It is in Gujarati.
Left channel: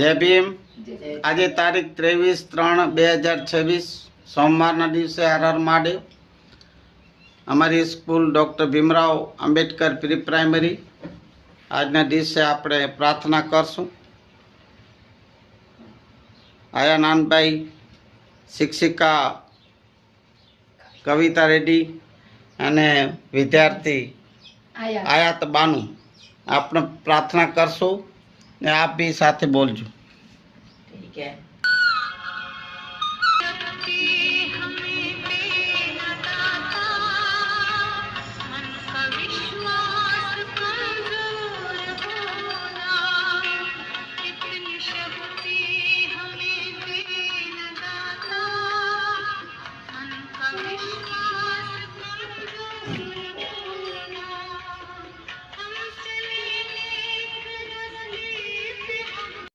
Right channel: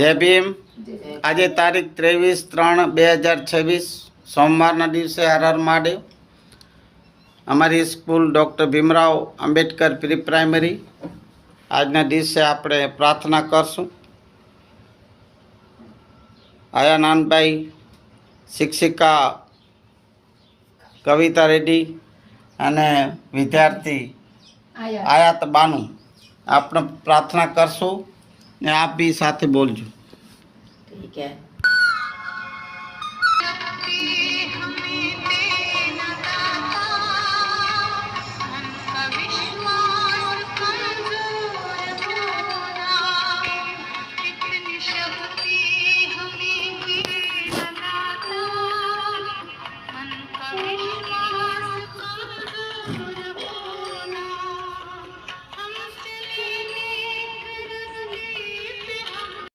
જય ભીમ। આજે તારીખ 23/3/2026 સોમવારના દિવસે હર મહાદેવ। અમારી school doctor Bhimrao Ambedkar pre primary આજના દિવસે આપણે પ્રાર્થના કરશું। આયા નાનભાઈ, શિક્ષિકા કવિતા રેડ્ડી અને વિદ્યાર્થી આયાત બાનુ આપણે પ્રાર્થના કરશું ને આપ બી સાથે બોલજો। ठीक है।